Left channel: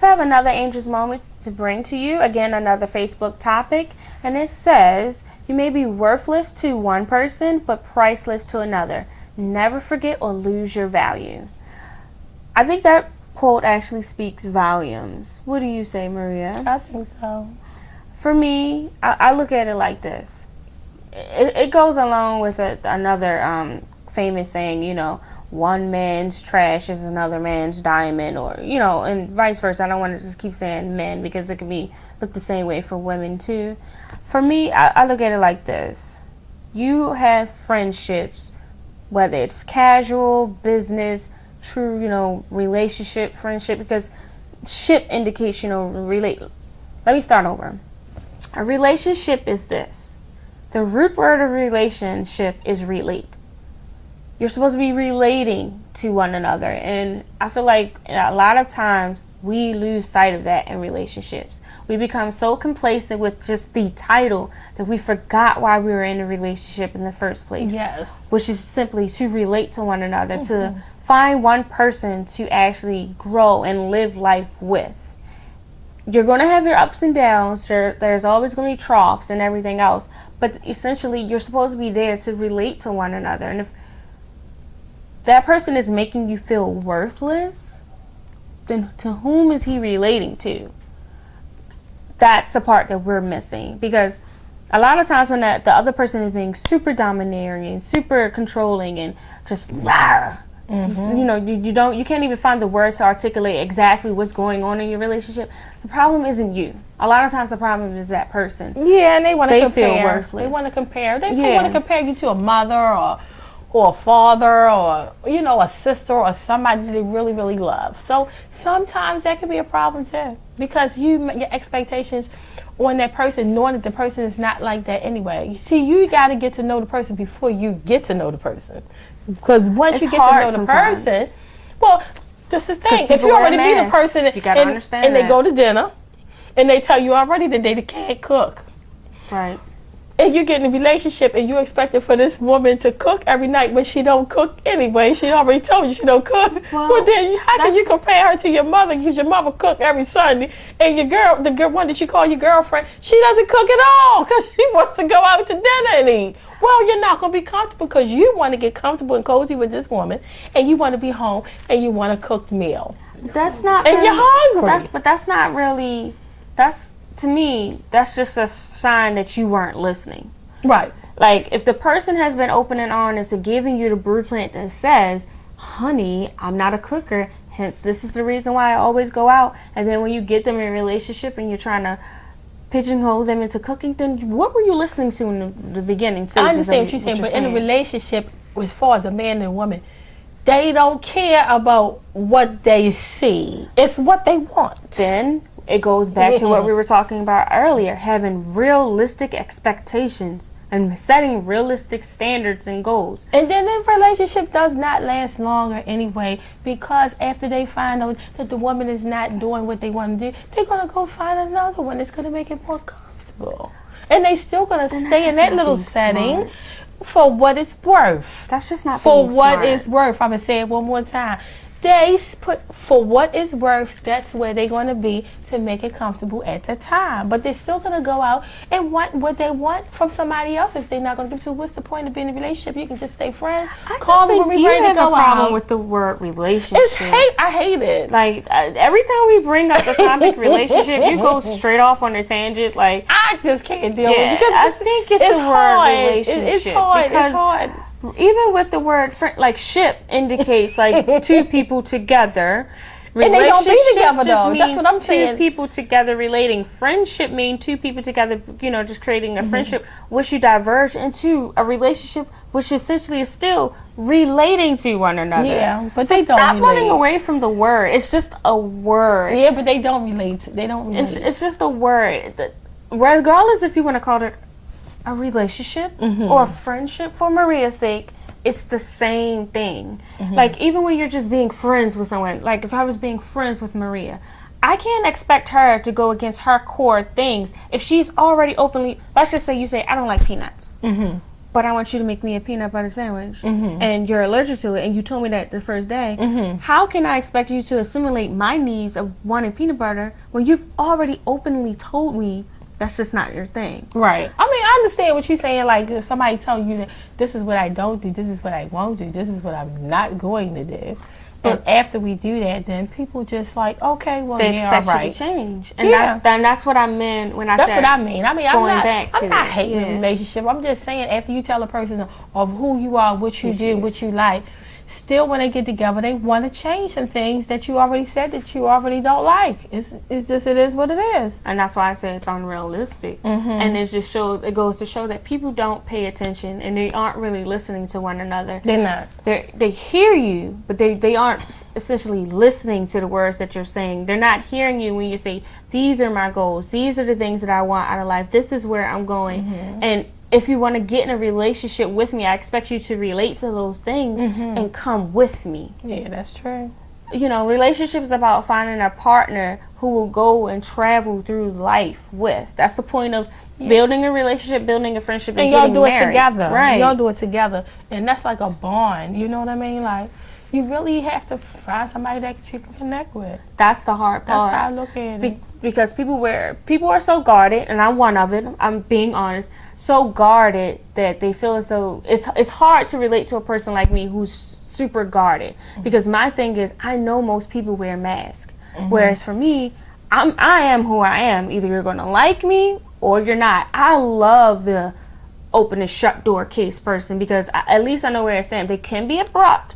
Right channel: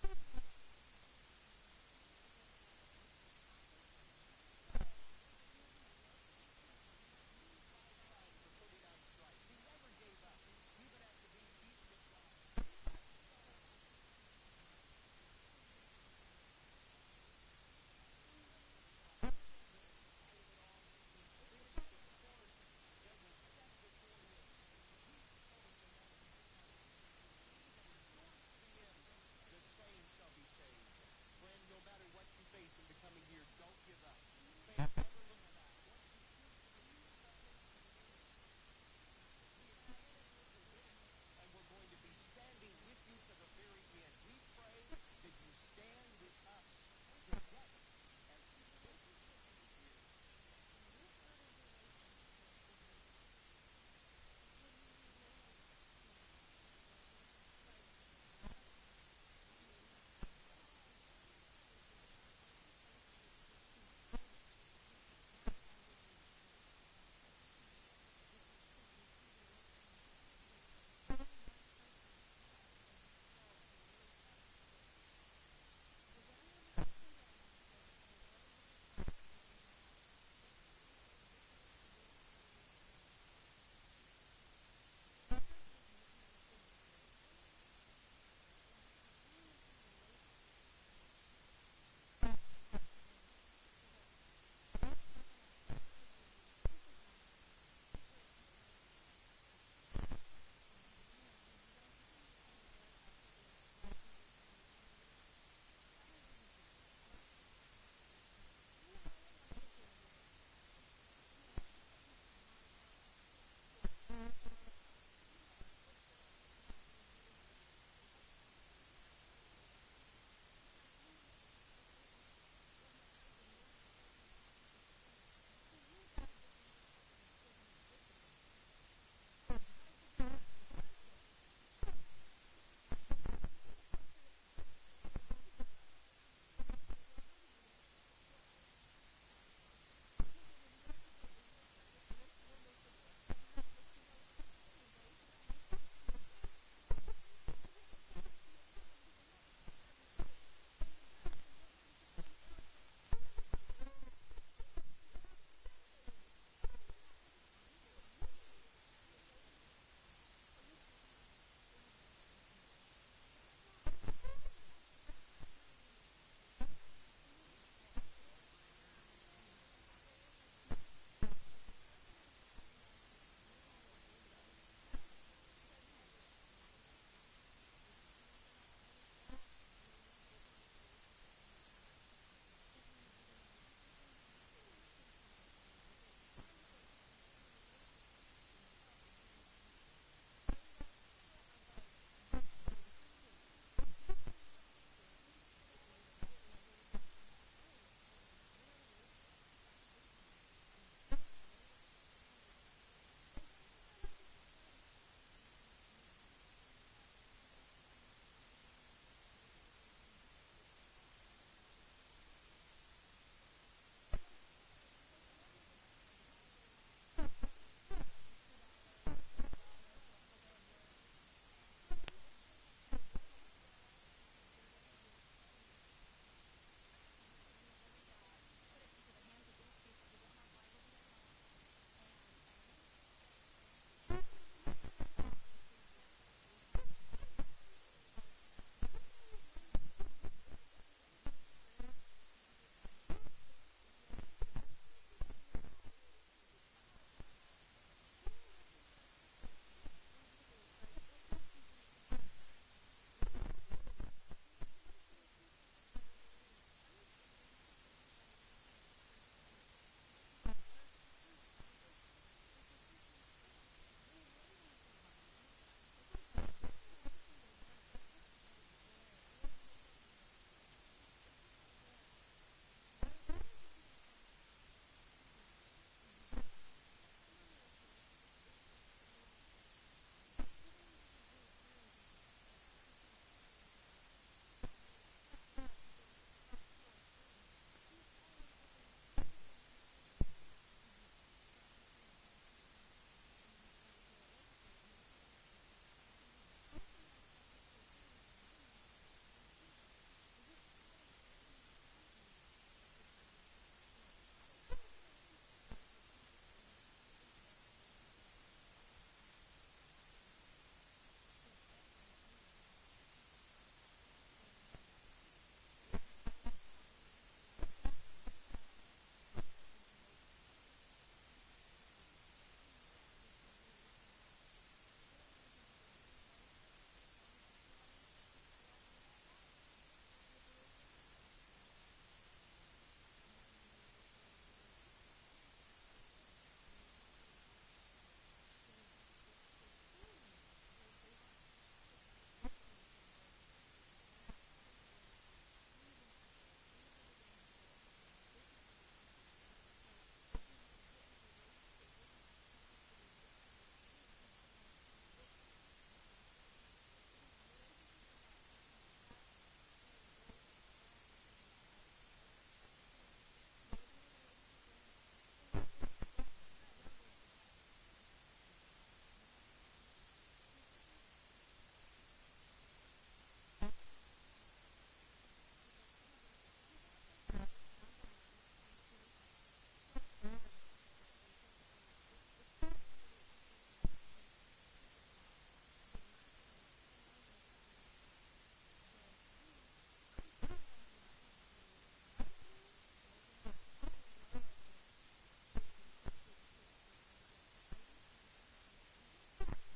So I have another Angel's Moment to bring to you. Again, another Facebook topic. And it says, you may be worthless to one person, but priceless to another. Never forget or lose your value. I think that quote actually speaks volumes. What do you say, Maria? I think so. For me, I look at it like this. It goes along with another famous saying, you know, one man's trash is another man's diamond, or, you know, and vice versa. I don't want to just keep saying men because it can be looked the same way for women too. For me, I look at it like this. You have friendships, whether it's casual, business, true, you know, relationship, friendship, because ship indicates, you know, relate. Let me start over. A relationship is this. The root word of relationship is relate. You're supposed to be relating to one another. And I feel like a lot of times we lose sight of that in relationships. We become so complacent with just the title that we forgot why we were in a relationship in the first place. Yes. Which is simply to relate to one another, to find one person to actually grow and live life with. You're going to have your ups and downs. There's always going to be troughs and everything else. But essentially, you're supposed to be there to relate to one another. And if that person is making you feel worthless, then to whom is he relating to? That's the part that we're missing. Because a lot of times when the other person is being super domineering and super controlling and just rah, you know, you can't even find the words to articulate exactly what's going on in your relationship. The problem isn't you. A lot of times the problem is that person. Yeah, and they want to compare. They feel worthless. They want to compare. They want to compare you to a mother or a father, or, you know, a sister, or somebody that they really, really love. So sometimes that can be a problem too, because your expectations on that person, knowing that the person is not like that anyway. You see, you got to get to know the person before you get to know the person, because once you get to know the person, well, this is the thing. If you already meet a person you gotta understand and they go to dinner and they tell you already that they can't cook, right? And you get in a relationship and you're expecting for this woman to cook every night, but she don't cook anyway. She already told you she don't cook. Well, then how can you compare her to your mother? Because your mother cook every Sunday, and the girl one that you call your girlfriend, she doesn't cook at all because she wants to go out to dinner and eat. Well, you're not going to be comfortable because you want to get comfortable and cozy with this woman, and you want to be home and you want a cooked meal. That's not. And you're hungry. But that's not really. To me, that's just a sign that you weren't listening. Right. Like, if the person has been open and honest and giving you the blueprint that says, honey, I'm not a cooker, hence this is the reason why I always go out, and then when you get them in a relationship and you're trying to pigeonhole them into cooking, then what were you listening to in the beginning stages? I understand what you're saying, but in a relationship, as far as a man and a woman, they don't care about what they see. It's what they want. Then it goes back to what we were talking about earlier, having realistic expectations and setting realistic standards and goals. And then the relationship does not last longer anyway, because after they find out that the woman is not doing what they want to do, they're going to go find another one that's going to make it more comfortable. And they still going to stay in that little setting for what it's worth. That's just not for being what smart. it's worth. I'm going to say it one more time. They put for what it's worth, that's where they're going to be to make it comfortable at the time. But they're still going to go out and want what they want from somebody else if they're not going to give it to. What's the point of being in a relationship? You can just stay friends. Call them when we're ready to go out. You have a problem with the word relationship. I hate it. Like, every time we bring up the topic relationship, you go straight off on a tangent. Like, I just can't deal with it. Because I think it's the word relationship. It's hard. Because it's hard. Even with the word like ship indicates like two people together. And they don't be together though. That's what I'm saying. Two people together relating. Friendship means two people together, you know, just creating a friendship, which you diverge into a relationship, which essentially is still relating to one another. Yeah, but so they don't stop relate. running away from the word. It's just a word. Yeah, but they don't relate. They don't relate. It's just a word. Regardless if you want to call it a relationship or a friendship, for Maria's sake, it's the same thing. Like, even when you're just being friends with someone, like if I was being friends with Maria, I can't expect her to go against her core things if she's already openly, let's just say you say, I don't like peanuts. but I want you to make me a peanut butter sandwich, and you're allergic to it, and you told me that the first day, how can I expect you to assimilate my needs of wanting peanut butter when you've already openly told me that's just not your thing? Right. I mean, I understand what you're saying. Like, if somebody telling you that this is what I don't do, this is what I won't do, this is what I'm not going to do. But after we do that, then people just like, okay, well, they expect right. you to change. And that's what I meant when I said. That's what I mean. I mean, I'm not hating the relationship. I'm just saying, after you tell a person of who you are, what you do, what you like, still when they get together, they want to change some things that you already said that you already don't like. It's just, it is what it is. And that's why I say it's unrealistic. And it goes to show that people don't pay attention and they aren't really listening to one another. They're not. They hear you, but they aren't essentially listening to the words that you're saying. They're not hearing you when you say, these are my goals, these are the things that I want out of life, this is where I'm going. And if you want to get in a relationship with me, I expect you to relate to those things and come with me. Yeah, that's true. You know, relationship is about finding a partner who will go and travel through life with. That's the point of building a relationship, building a friendship, and y'all getting do married. It together. Right. Y'all do it together. And that's like a bond. You know what I mean? Like, you really have to find somebody that you can connect with. That's the hard part. That's how I look at it. Because people are so guarded, and I'm one of it, I'm being honest, so guarded that they feel as though it's hard to relate to a person like me who's super guarded. Because my thing is, I know most people wear masks. Whereas for me, I am who I am. Either you're going to like me or you're not. I love the open and shut door case person because at least I know where I stand. They can be abrupt,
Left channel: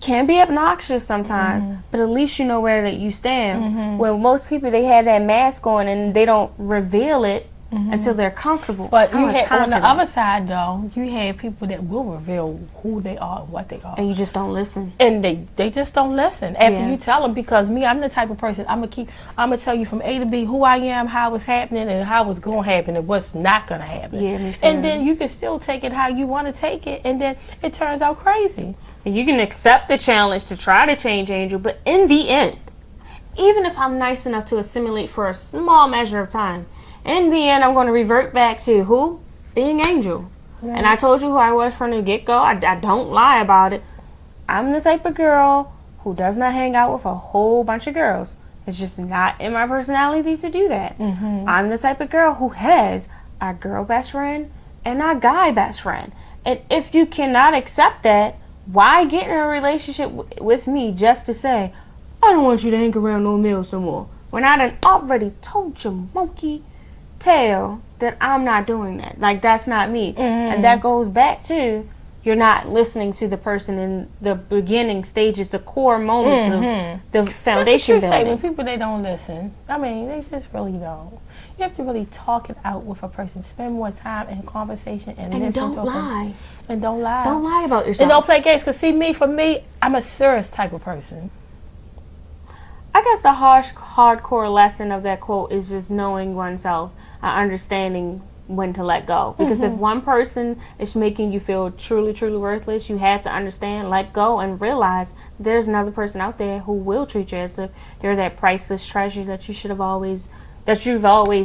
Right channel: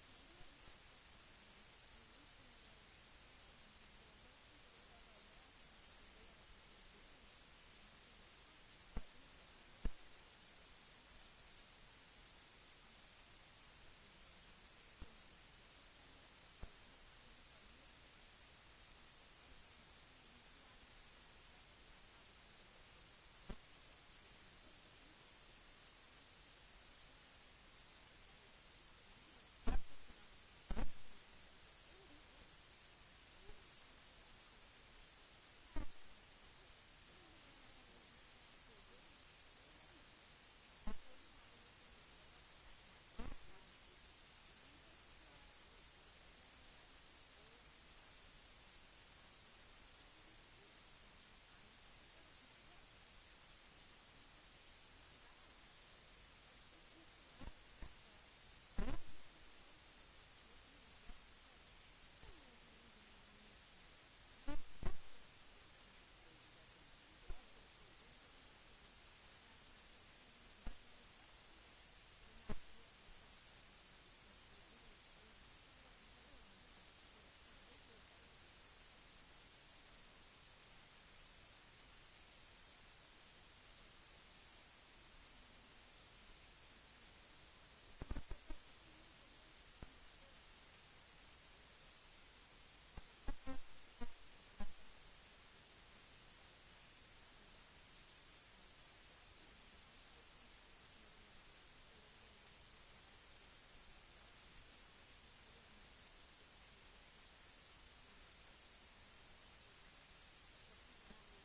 can be obnoxious sometimes, but at least you know where that you stand. When most people, they have that mask on and they don't reveal it until they're comfortable. But you on the other side, though, you have people that will reveal who they are and what they are. And you just don't listen. And they just don't listen after you tell them, because me, I'm the type of person, I'm gonna tell you from A to B who I am, how it's happening, and how it's gonna happen, and what's not gonna happen. Yeah, me too. And then you can still take it how you want to take it, and then it turns out crazy. And you can accept the challenge to try to change Angel, but in the end, even if I'm nice enough to assimilate for a small measure of time, in the end, I'm going to revert back to who? Being Angel. Right. And I told you who I was from the get-go. I don't lie about it. I'm the type of girl who does not hang out with a whole bunch of girls. It's just not in my personality to do that. I'm the type of girl who has a girl best friend and a guy best friend. And if you cannot accept that, why get in a relationship with me just to say, I don't want you to hang around no males no more, when I done already told you, monkey tail, that I'm not doing that. Like, that's not me. And that goes back to, you're not listening to the person in the beginning stages, the core moments of the foundation building. When people, they don't listen. I mean, they just really don't. You have to really talk it out with a person. Spend more time in conversation and listen to them. And don't lie. Don't lie about yourself. And don't play games. Because see, for me, I'm a serious type of person. I guess the hardcore lesson of that quote is just knowing oneself, understanding when to let go. Because if one person is making you feel truly, truly worthless, you have to understand, let go, and realize there's another person out there who will treat you as if you're that priceless treasure that you've always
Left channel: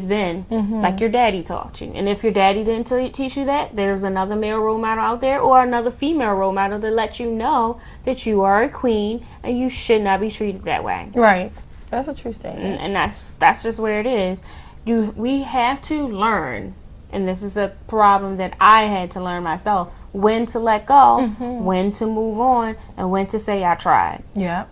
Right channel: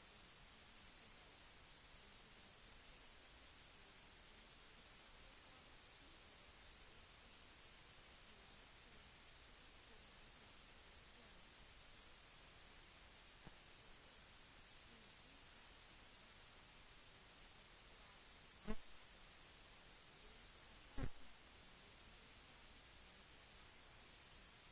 been, like your daddy taught you. And if your daddy didn't teach you that, there's another male role model out there or another female role model that let you know that you are a queen and you should not be treated that way. Right. That's a true statement. And that's just where it is. We have to learn, and this is a problem that I had to learn myself, when to let go, when to move on, and when to say I tried. Yeah.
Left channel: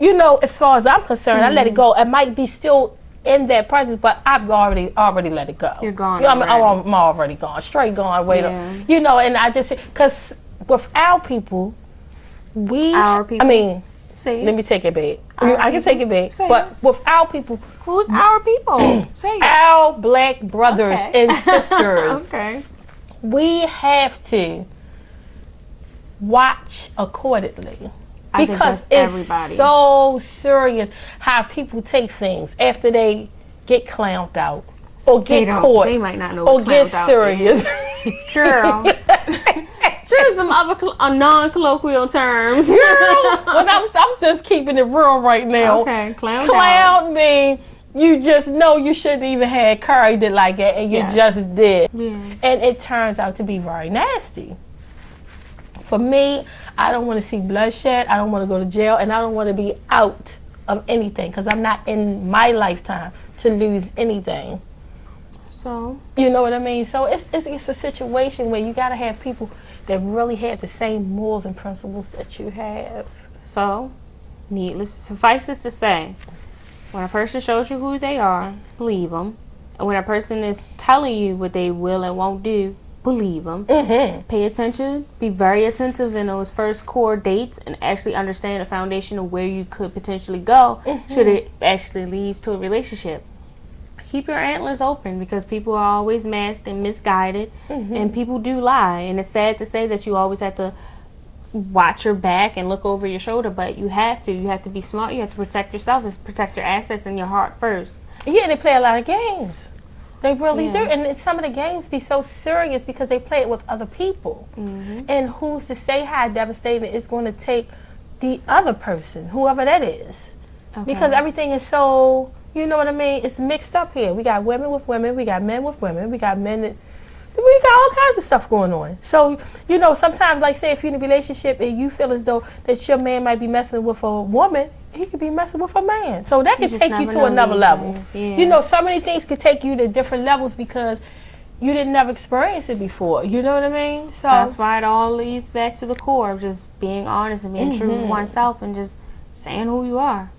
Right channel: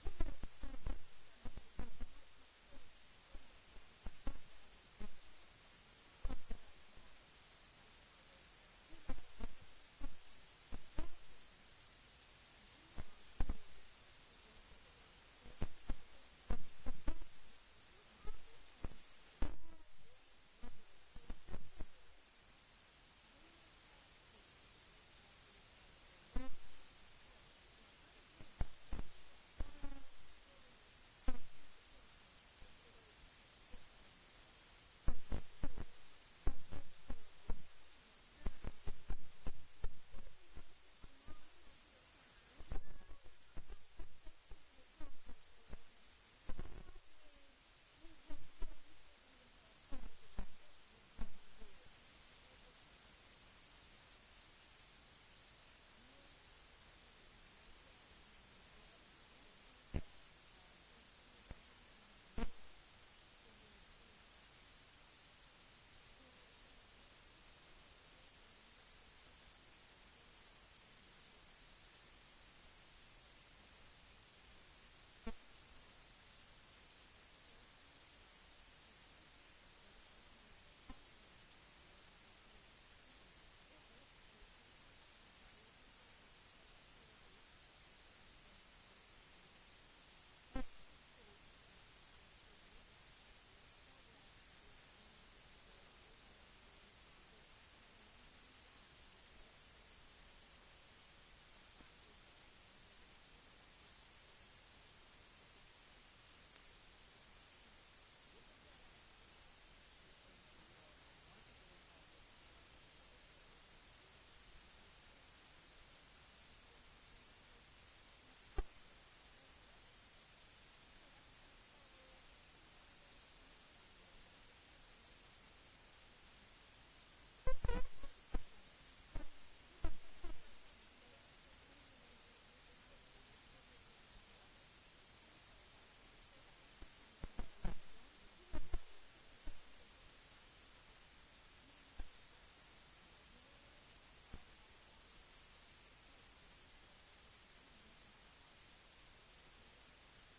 You know, as far as I'm concerned, I let it go. It might be still in that process, but I've already let it go. You're gone. You know, I'm already gone, straight gone. Wait up. You know, and I just, because with our people, I mean, let me take it back. I can take it back. But with our people, who's our people? Say it. Our black brothers and sisters. We have to watch accordingly. Because it's so serious how people take things after they get clowned out or get caught. They might not know or what get serious. Girl. Choose some other non-colloquial terms. Girl, I'm just keeping it real right now. Okay, clown mean you just know you shouldn't even have carried it like that, and you just did. Yeah. And it turns out to be very nasty. For me, I don't want to see bloodshed, I don't want to go to jail, and I don't want to be out of anything, because I'm not in my lifetime to lose anything. So, you know what I mean? So it's a situation where you got to have people that really have the same morals and principles that you have. So, suffices to say, when a person shows you who they are, believe them. And when a person is telling you what they will and won't do, believe them. Mm-hmm. Pay attention. Be very attentive in those first core dates and actually understand the foundation of where you could potentially go should it actually lead to a relationship. Keep your antlers open, because people are always masked and misguided, and people do lie. And it's sad to say that you always have to watch your back and look over your shoulder, but you have to. You have to be smart. You have to protect yourself. It's protect your assets and your heart first. Yeah, they play a lot of games. They really do. And some of the games be so serious because they play it with other people. And who's to say how devastating it's going to take the other person, whoever that is. Because everything is so, you know what I mean, it's mixed up here. We got women with women, we got men with women, we got men that, we got all kinds of stuff going on. So, you know, sometimes, like say if you're in a relationship and you feel as though that your man might be messing with a woman, he could be messing with a man. So that could take you to another level. You know, so many things could take you to different levels because you didn't never experience it before. You know what I mean? So that's why it all leads back to the core of just being honest and being true to oneself and just saying who you are.